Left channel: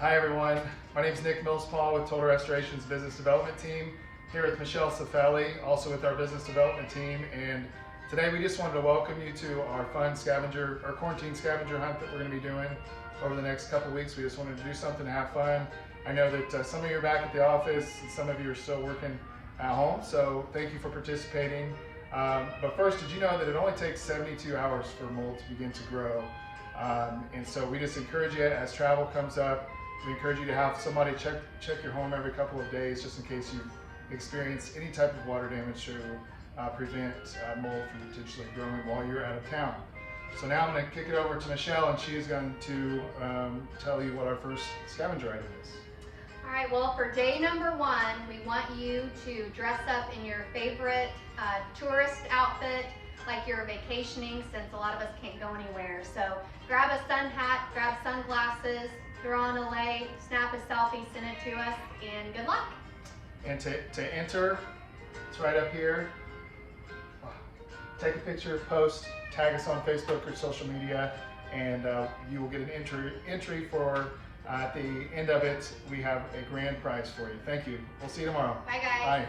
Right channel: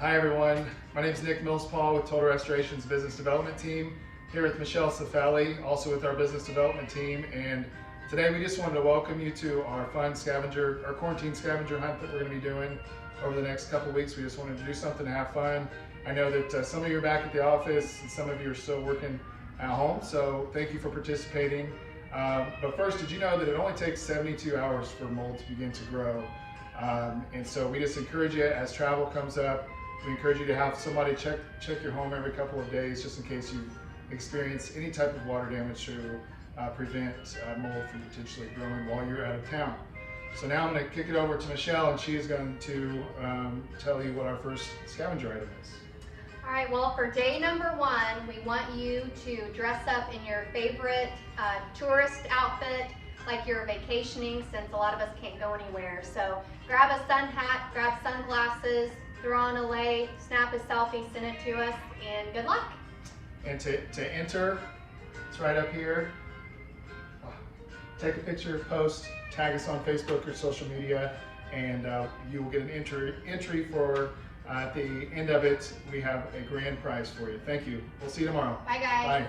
Hi everyone, my name is Nick Millspaw with Total Restoration's Business Development Team, here with Michelle Cifelli, also with our Business Development Team, and today we just wanted to welcome you to our fun scavenger, our quarantine scavenger hunt that we're going to be doing over the next couple weeks. We just wanted to do something to have fun. I know that some of you are back at the office and some of you are still working at home, so thank you for participating. But first, did you know that it only takes 72 hours for mold to begin to grow? And so we just encourage you, as travel comes up, we encourage you to have somebody check your home every couple of days, just in case you experience any type of water damage to prevent mold from potentially growing while you're out of town. So now I'm going to kick it over to Michelle, and she is going to tell you what our first scavenger item is. All right, well, for day number one, we want you to dress up in your favorite tourist outfit, like you're vacationing, since a lot of us can't go anywhere. So grab a sun hat, grab sunglasses, throw on a lei, snap a selfie, send it to us, and good luck. And to enter, it's right up here. Take a picture, post, tag us on Facebook or social media, and you will get an entry for, at the end of it, we have a grand prize for you. Thank you. We'll see you tomorrow. Bye, guys. Bye.